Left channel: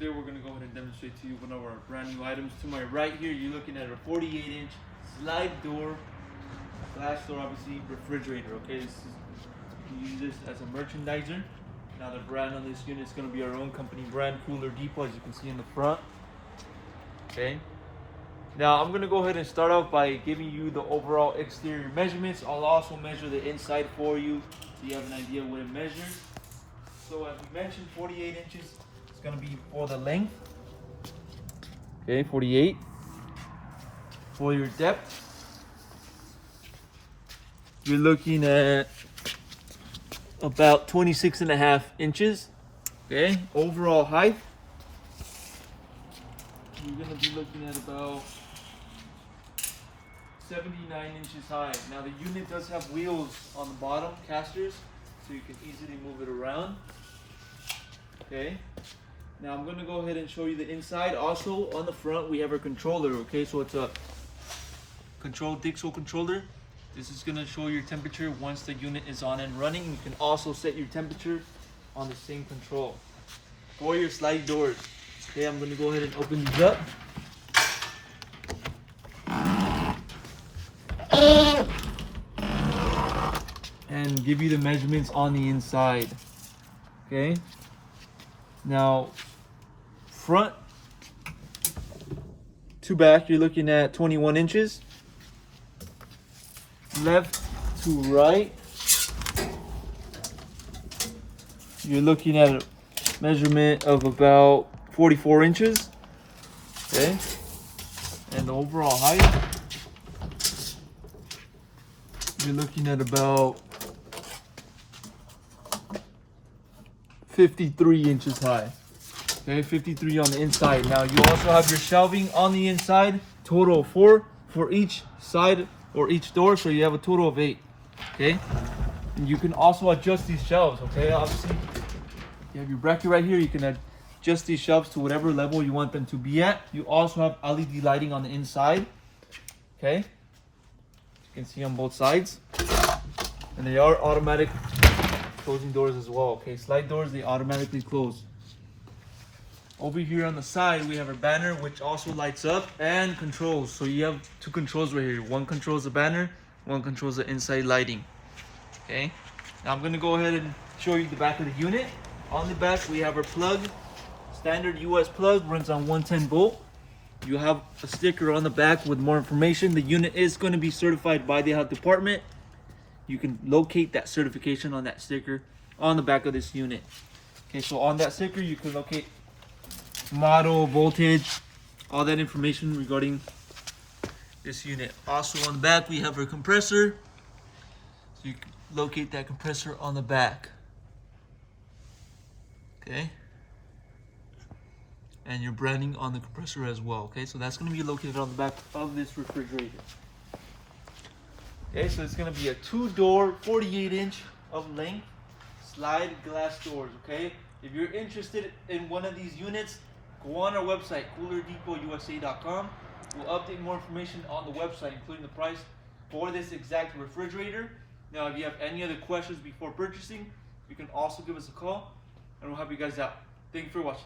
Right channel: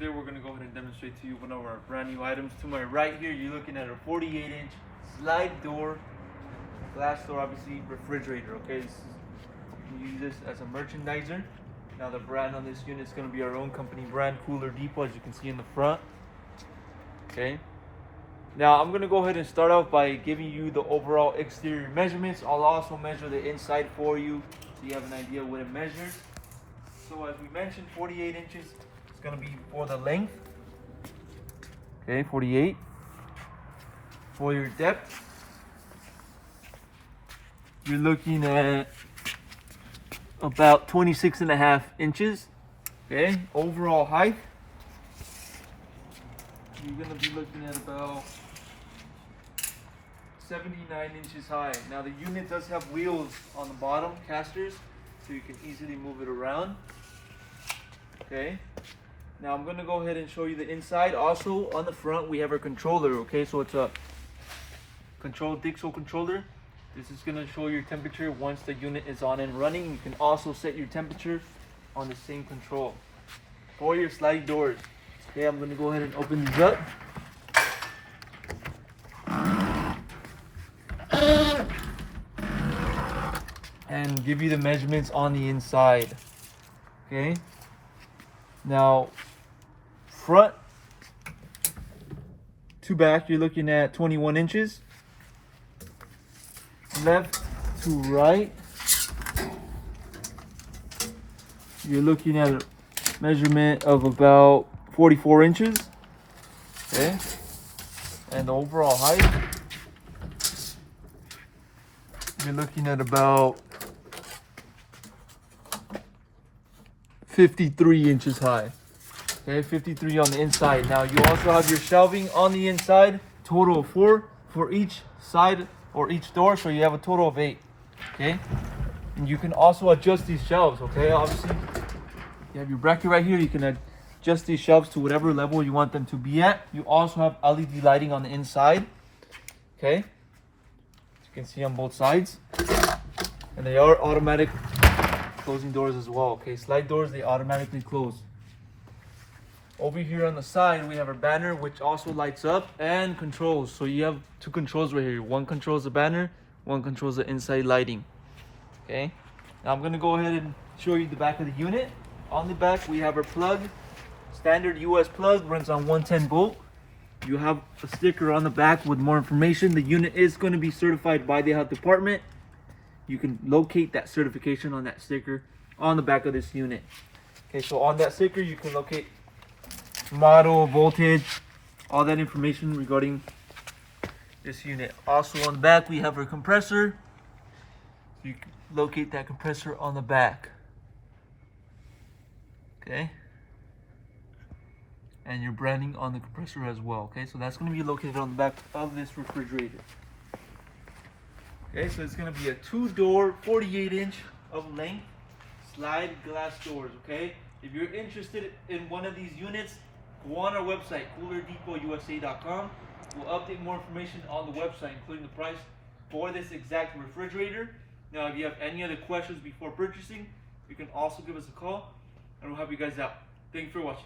today we're going to go ahead and demonstrate to you one of our brand new items. To my right here, you're looking at a 48-inch slide door, glass door, obviously refrigerator. Okay, you can use this as a merchandiser. Now the brand on this unit is going to be our own company brand, Cooler Depot, as you can see in the front. Okay. Now I'm going to go ahead and start off by giving you the overall exterior measurements. I'll also measure the inside for you so you have an idea what it measures. So as we mentioned, 48 inches is going to be for the length. Okay, 48. For your depth, you're looking at about 26.5 inches. Okay, overall height, you're going to be looking at about 79 inches high. Now the unit does have wheels on the bottom, casters, so you can easily move it around. Okay, now I'm going to go ahead and show you the inside. Also on the front we have our controller. Okay, so it's a control Dixel controller. This is going to show your temperature once the unit is on and running. You can also set your temperature on the same control. For your sliding doors, okay, I'm going to go ahead and open these up. And give you the measurements on the inside. Okay, now front to back, you're looking at 21 inches. Left to right, you're looking at a measurement of about 44 inches. Okay, and the overall height, you're looking at about 53 inches high. Okay, 53 on the inside. Now you also have your shelving on the inside, total of 4 for each side or each door, so you have a total of 8. Okay, and you can also adjust these shelves. Okay, obviously you have your bracket right here. You can adjust these shelves to whatever level you want them to be at. You also have LED lighting on the inside. Okay, you can see on both sides, and they are automatic closing doors as well. Okay, slide doors, they automatically close. Over here on the side we have our banner, which also lights up and controls. So you have 2 controls right here. One controls the banner, one controls the inside lighting. Okay, now I'm going to go ahead and show you the back of the unit. On the back we have our plug, standard US plug, runs on 110 volt. You have a sticker on the back with more information. The unit is going to be certified by the health department. You can locate that certification on that sticker on the back of this unit. Okay, so on that sticker you can locate model, voltage, all that information regarding this unit. Also on the back we have our compressor, so you can locate that compressor on the back. Okay, and your branding on the compressor as well. Okay, so that's going to be located on the back of this refrigerator. Okay, so it's going to be a 2-door, 48-inch of length slide glass doors. Okay, if you're interested in one of these units, go on our website, coolerdepot.usa.com. We'll update more information on the website, including the price for this exact refrigerator. Now, if you have any other questions before purchasing, you can also give us a call and we'll help you guys out. Thank you for watching.